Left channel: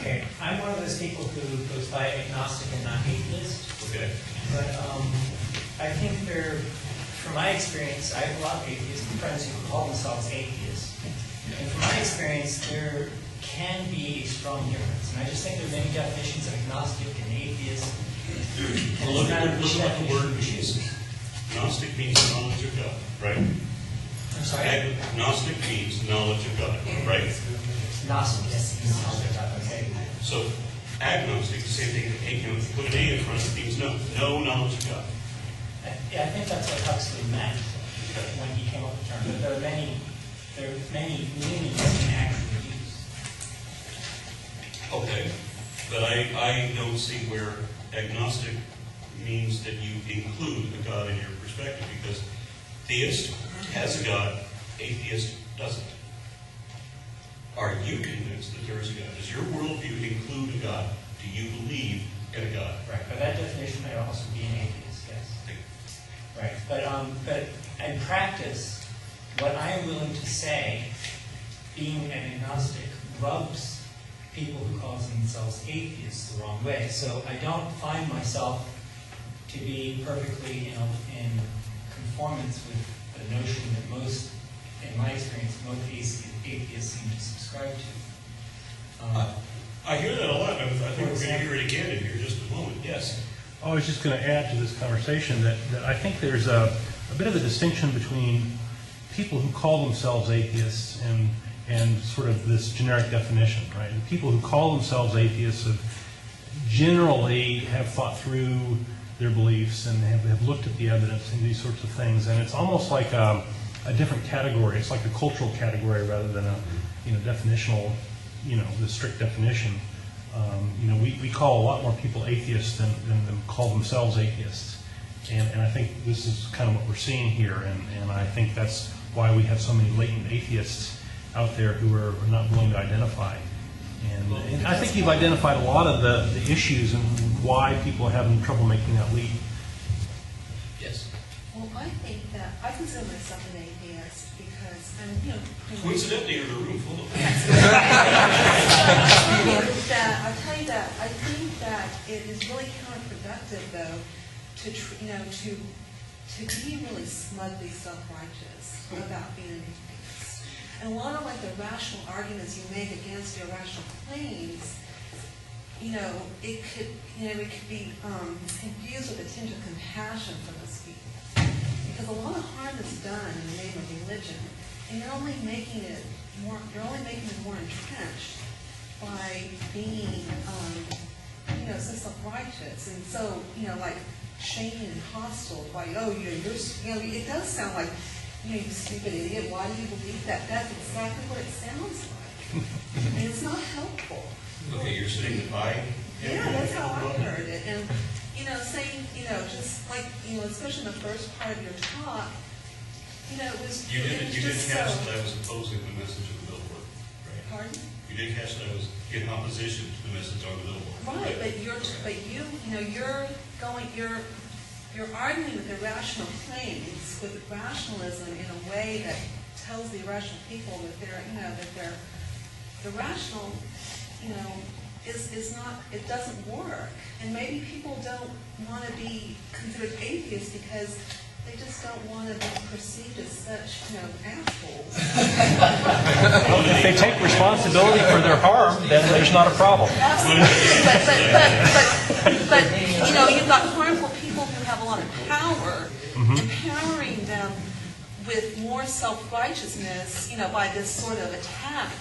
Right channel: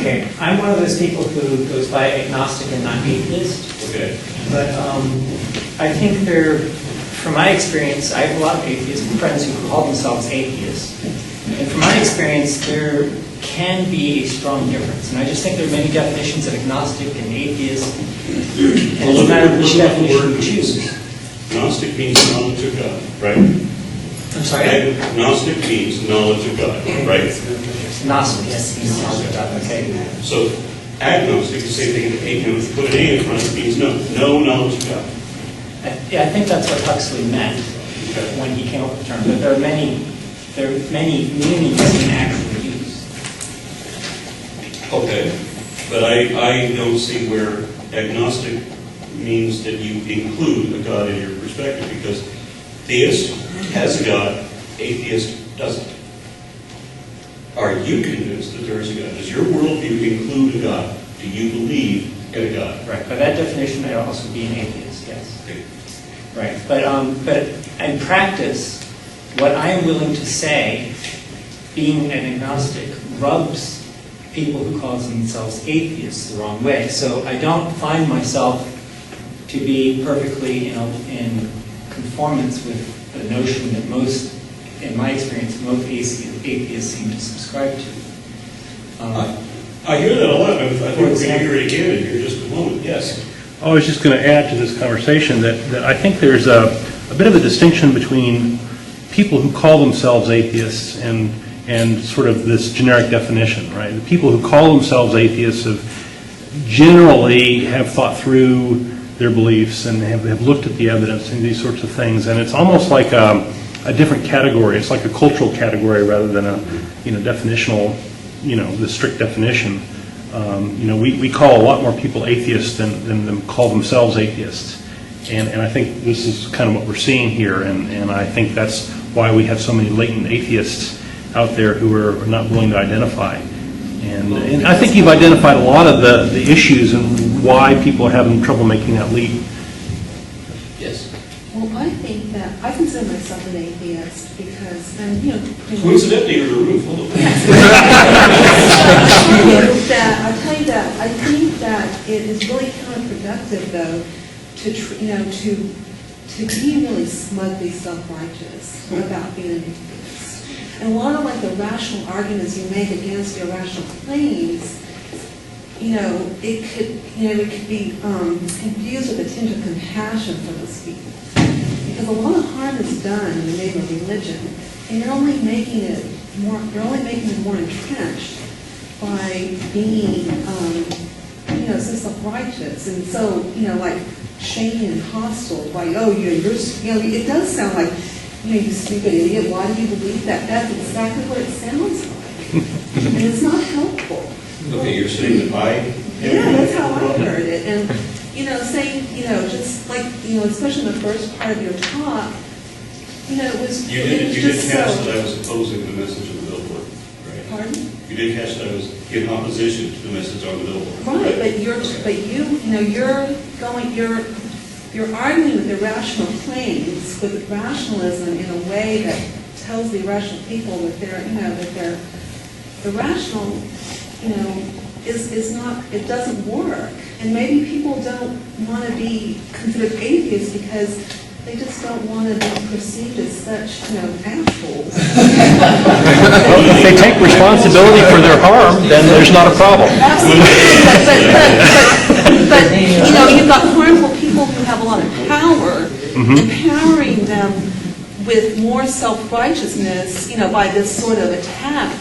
Okay, I'm one of those people who goes by agnostic and not atheist. Okay. But I think from my experience, I have a lot of atheist friends who call themselves atheists. And from my experience, there can be a strong difference. And I just think there are many definitions of agnostic and atheist. And it's a matter of which definition you choose. Gnostic means knowledge of God, right? I'm sorry? Gnostic means knowledge of God, right? Gnostic, yes, means knowledge of God, okay. So agnostic, the same thing, if you put an A in front, it means no knowledge of God. Yeah, I think that's what Huxley meant when he came up with the term. But there are many meanings he can actually use. Okay, but I don't see where agnostic means that you include a God in your perspective, because theist has a God, atheist doesn't. Are you convinced that there is a God? Does your worldview include a God? Do you believe in a God? Right. By that definition, I'd also be an atheist, yes. Okay. Right. But in practice, what I am willing to say, being an agnostic, rubs people who call themselves atheists the wrong way. So I don't find myself to be perfectly in conformance with the notion that most, in my experience, most atheists seem to subscribe to. I hear that a lot. I think we're going to hear it again in here just a moment. Yes. I was just going to add to this conversation that I think there's a bit of a distinction between people who call themselves atheists and sort of this generic definition, right? The people who call themselves atheists generally have thought through their beliefs and have looked at the evidence and these sorts of things, and it's almost like a different category. It's like a cultural category rather than a definitional, the strict definition. We call a lot more people atheists than them call themselves atheists, and I think this is kind of what we're seeing here, and I think that's why we have so many latent atheists out there who are not willing to identify. And I think you've identified a lot of the issues and why people are having trouble making that leap. Yes. Well, I think that I consider myself an atheist because, Coincidentally, you're in a room full of I'll tell you that I think that it is really counterproductive, though, to be really smugly self-righteous about being an atheist. And a lot of the rational arguments you make against your rational claims, it could be infused with a tinge of compassion for those people. Because a lot of harm is done in the name of religion, and you're only making it more entrenched by being, so self-righteous and so, shady and hostile. It does sound like, you stupid idiot, why do you believe that? That's exactly what it sounds like. And it's not helpful. Okay, you're saying that Yeah, that's how I heard it. And, saying, just like, especially in the first part of your talk, it was You did catch that I was opposing the message of the billboard, right? Pardon? You did catch that I was in opposition to the message on the billboard. Right, but you're arguing with irrational claims with rationalism in a way that tells the irrational people that the rational, is not, it doesn't work. And maybe people don't want to be considered atheists because they just don't want to be perceived as such, assholes. Well, if they take responsibility for their harm, then there's not a problem. But you've got harmful people who have a lot of power, empowering them with more self-righteousness, by this sort of attack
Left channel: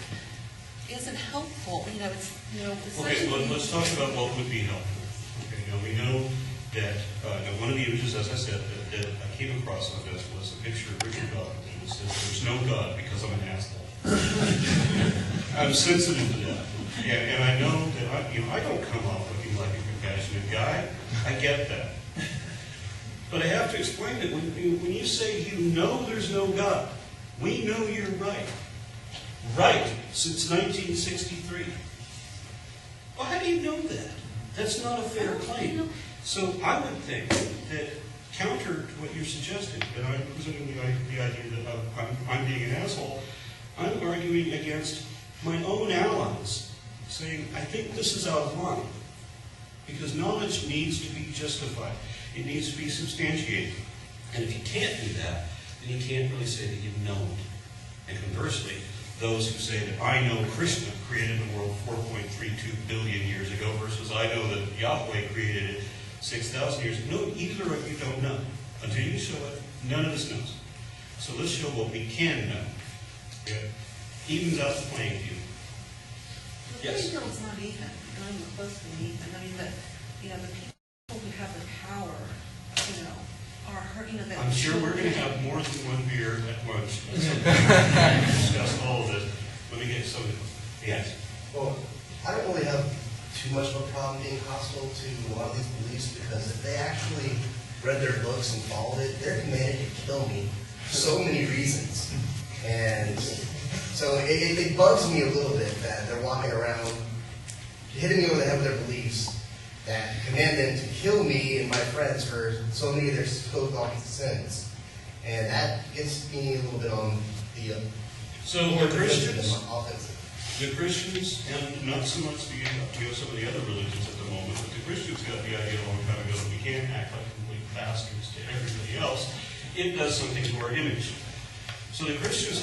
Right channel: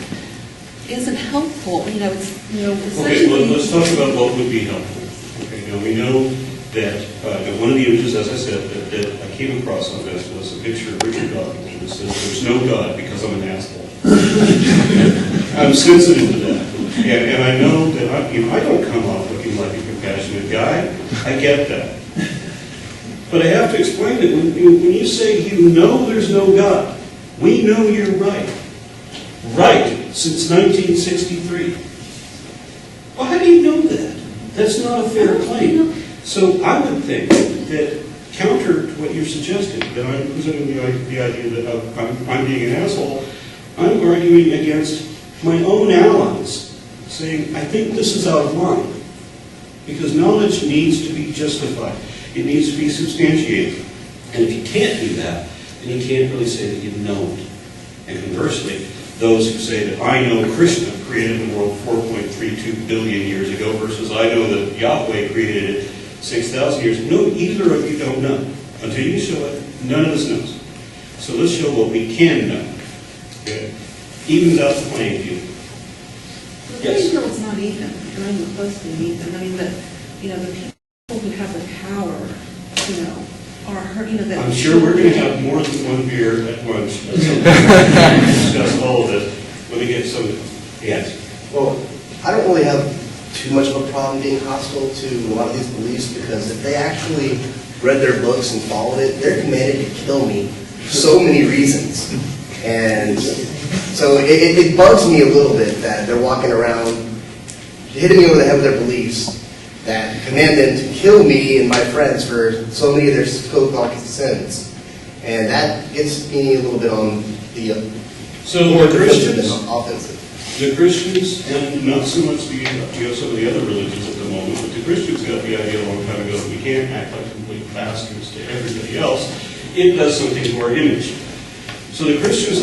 isn't helpful. Okay, let's talk about what would be helpful. Okay, we know that one of the images, as I said, that I came across on this was a picture of Richard Dawkins, and it says, "There's no God because I'm an asshole." I'm sensitive to that, and I know that I don't come off looking like a compassionate guy. I get that, but I have to explain that when you say there's no God, we know you're right. Right, since 1963. Well, how do you know that? That's not a fair claim. So I would think that counter to what you're suggesting, that I'm presenting the idea that I'm being an asshole, I'm arguing against my own allies. saying, I think this is out of line. Because knowledge needs to be justified. It needs to be substantiated. And if you can't do that, then you can't really say that you know it. And conversely, those who say that I know Krishna created the world 4.32 billion years ago versus I know that Yahweh created it 6,000 years ago. No, either of you don't know. Until you show it, none of us knows. So let's show what we can know. Okay? Evens out the playing field. The Yes. playing field's not even, not even close to being even. I mean, the people who have the power, are hurt, that. I'm sure we're going to have more than one beer at lunch. To discuss all of this. Let me get some. Yes. Well, I don't really have too much of a problem being hostile to a lot of these beliefs because if they actually read their books and followed it, they're commanded to kill me for so many reasons. And so it bugs me a little bit that they're walking around hitting me over the head with their beliefs that command them to kill me and my friends for so many of their so-called sins. And that gets me a little bit on the more defensive than offensive. The Christians, and not so much some of the other religions at the moment, but the Christians got the idea a long time ago that we can't act like complete bastards to everybody else. It does something to our image. So the Christians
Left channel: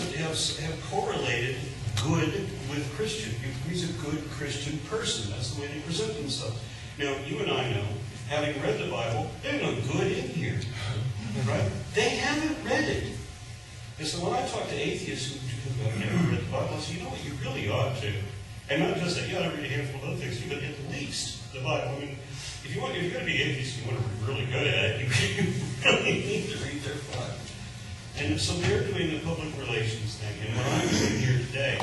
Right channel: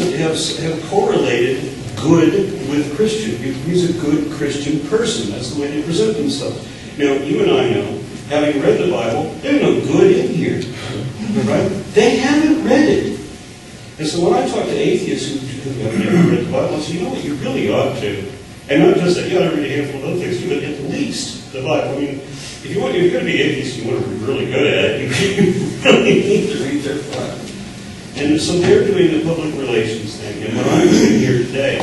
have correlated good with Christian. He's a good Christian person. That's the way they present themselves. Now, you and I know, having read the Bible, there's no good in here. Right? They haven't read it. And so when I talk to atheists who have never read the Bible, I say, you know what, you really ought to. And not just that, you ought to read a handful of other things, but at least the Bible. I mean, if you're going to be atheist and you want to be really good at it, you really need to read their Bible. And so they're doing the public relations thing. And what I'm doing here today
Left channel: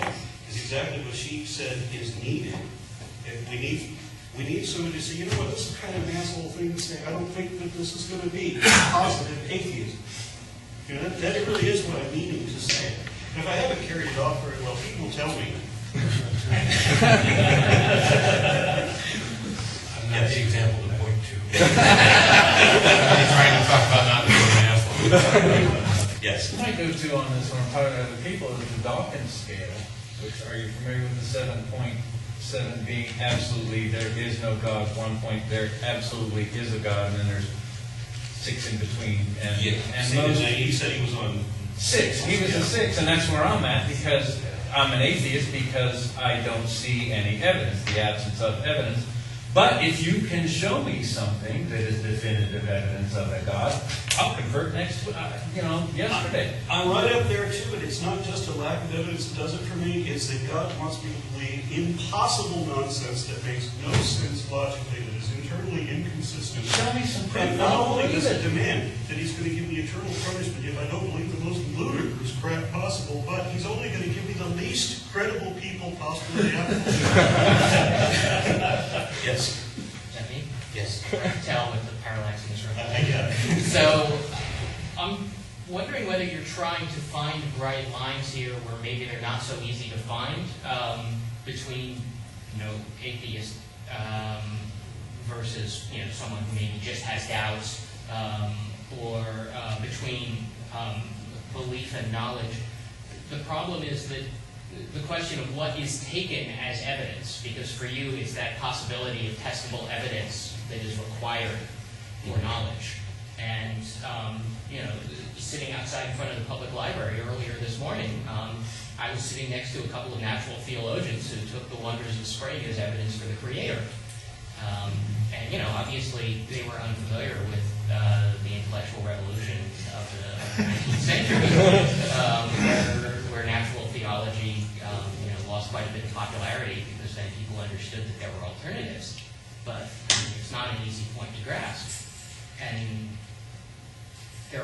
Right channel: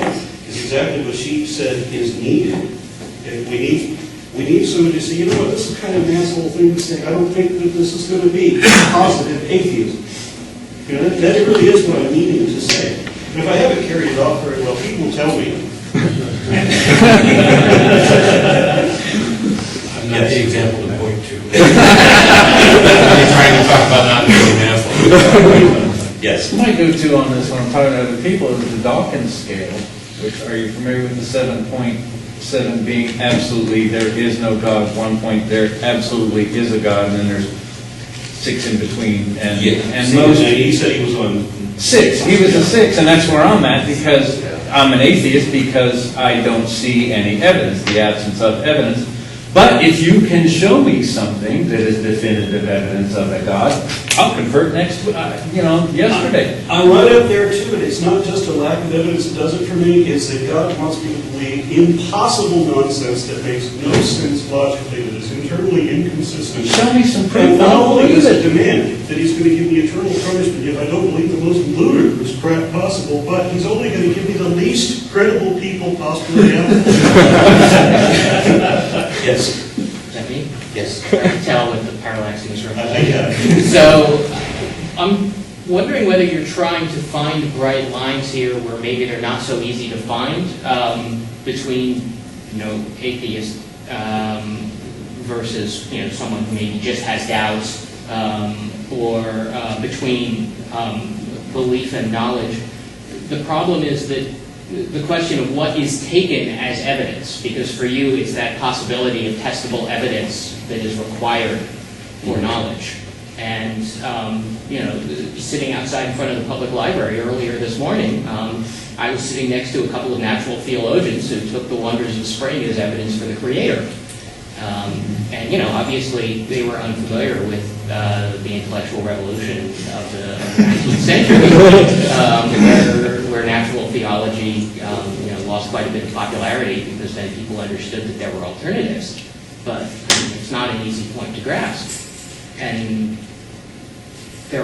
is exactly what she said is needed. And we need somebody to say, you know what, this is kind of an asshole thing to say. I don't think that this is going to be positive atheism. You know, that really is what I'm meaning to say. And if I haven't carried it off very well, people will tell me. I'm not the example to point to. You're trying to talk about not being an asshole. Yes. My go-to on this when I'm talking to other people is the Dawkins scale, which, are you familiar with the 7.7 being absolutely there is no God, 1 point there absolutely is a God, and then there's 6 in between. And most, he said he was on 6. He was a 6, and that's where I'm at because I'm an atheist because I don't see any evidence, the absence of evidence. But if you can show me something that is definitive evidence of a God, I'll convert yesterday. I'm right up there too, and it's not just a lack of evidence that does it for me, it's that God wants me to believe impossible nonsense that makes no sense logically, that is internally inconsistent. Show me some proof. And not I'll only believe does it it. demand that he's going to give me eternal punishment if I don't believe the most ludicrous crap possible, but he's only going to give me the least credible people possibly out there. Yes. Is that me? Yes. I can tell with the parallax in this room. Yeah. So, I'm wondering whether you're trying to find bright lines here where maybe they're not so easy to find between, atheist versus, someone who maybe just has doubts, or between belief and knowledge. The problem is that the question of what is taken as evidence, because for you it's that possibility of testable evidence that is required for knowledge. And, sitting outside in front of the public library earlier this morning, I was sitting next to a couple of natural theologians who took the wonders of spring as evidence for the Creator. And, obviously they were unfamiliar with the intellectual revolution of the 19th century, where natural theology, lost quite a bit of popularity because then people understood that there were alternatives. But it's not an easy point to grasp. And I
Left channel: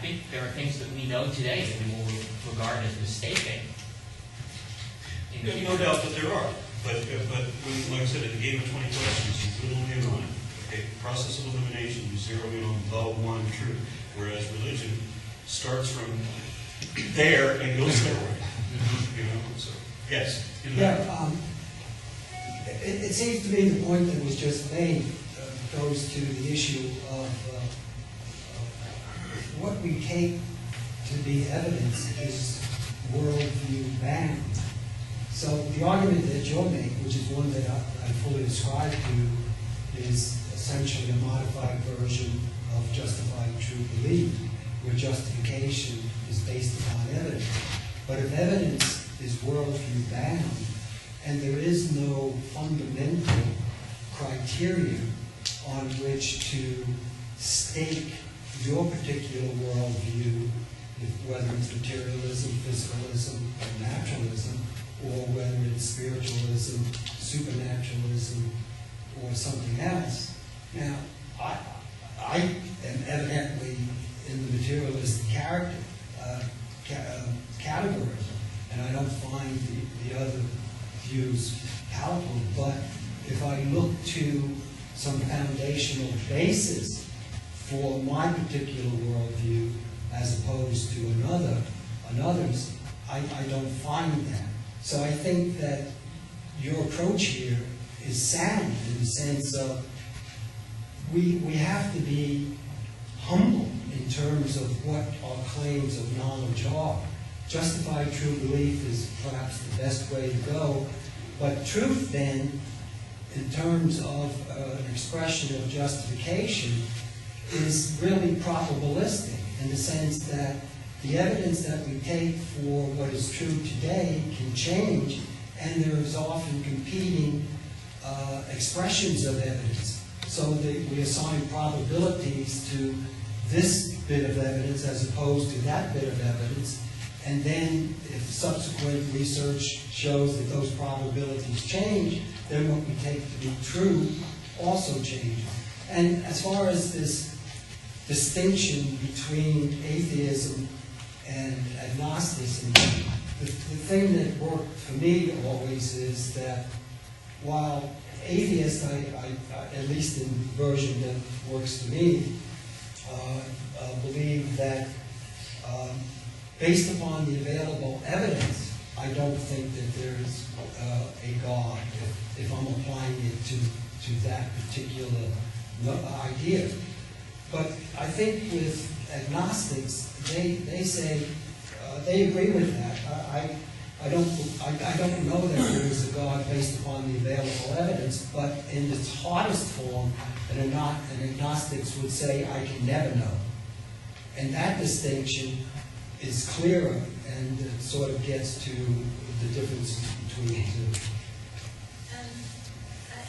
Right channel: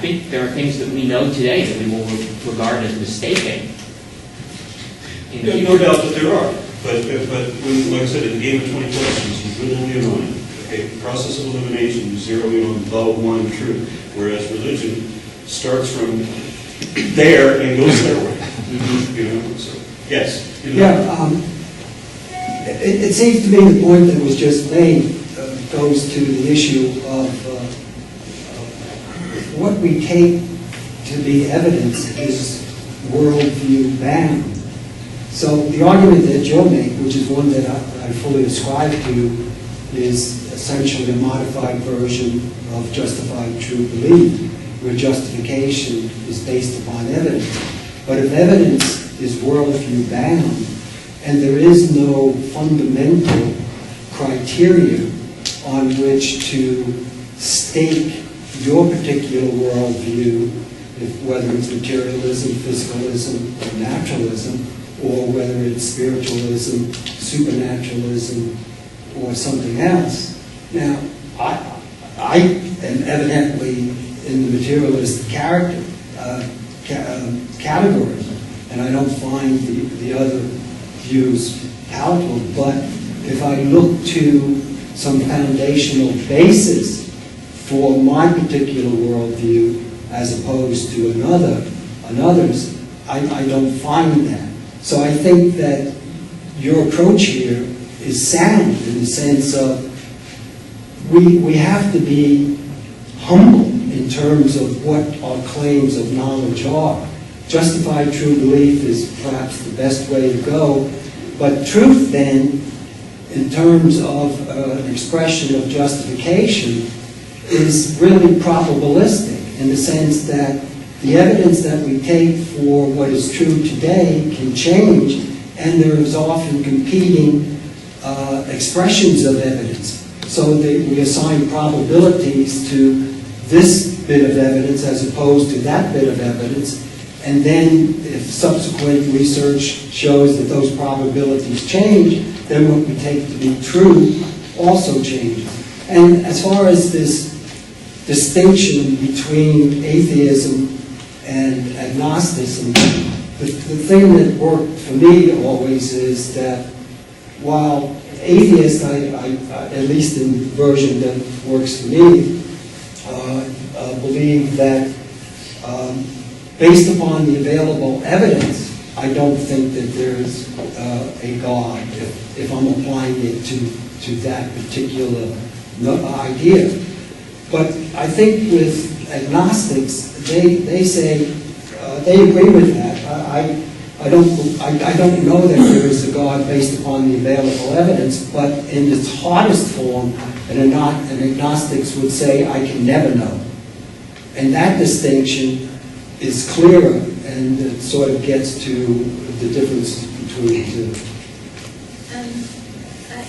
think there are things that we know today that we will regard as mistaken. No doubt that there are. But when, like I said, in the game of 20 questions, you whittle in on it. Okay, process of elimination, you zero in on the one truth. Whereas religion starts from there and goes their way. So, yes. It seems to me the point that was just made goes to the issue of what we take to be evidence is worldview bound. So the argument that you'll make, which is one that I fully ascribe to, is essentially a modified version of justified true belief, where justification is based upon evidence. But if evidence is worldview bound, and there is no fundamental criteria on which to stake your particular worldview, whether it's materialism, physicalism, or naturalism, or whether it's spiritualism, supernaturalism, or something else. Now, I am evidently in the materialist category, and I don't find the other views palatable, but if I look to some foundational basis for my particular worldview as opposed to another's, I don't find that. So I think that your approach here is sound in the sense of we have to be humble in terms of what our claims of knowledge are. Justified true belief is perhaps the best way to go, but truth then, in terms of an expression of justification, is really probabilistic in the sense that the evidence that we take for what is true today can change, and there is often competing expressions of evidence. So we assign probabilities to this bit of evidence as opposed to that bit of evidence, and then if subsequent research shows that those probabilities change, then what we take to be true also changes. And as far as this distinction between atheism and agnosticism, the thing that worked for me always is that while atheists, at least in the version that works for me, believe that based upon the available evidence, I don't think that there's a God if I'm applying it to that particular idea. But I think with agnostics, they say they agree with that. I don't know that there is a God based upon the available evidence, but in its hardest form, an agnostics would say, I can never know. And that distinction is clearer, and it sort of gets to the difference between the two.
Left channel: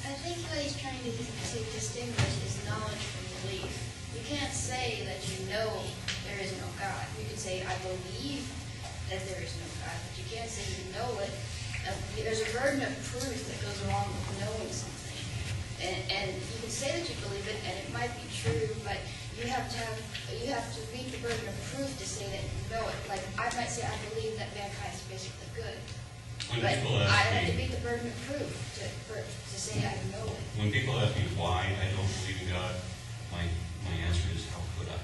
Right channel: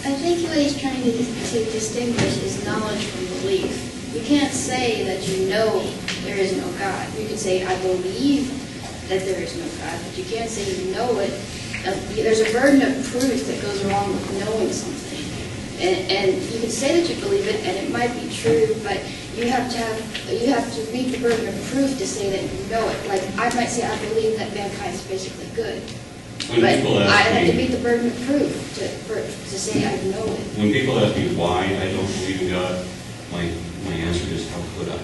I think what he's trying to distinguish is knowledge from belief. You can't say that you know there is no God. You can say, I believe that there is no God, but you can't say you know it. There's a burden of proof that goes along with knowing something. And you can say that you believe it, and it might be true, but you have to meet the burden of proof to say that you know it. Like, I might say I believe that mankind is basically good. When But people I ask have to me, meet the burden of proof to say I know it. when people ask me why I don't believe in God, my answer is, how could I?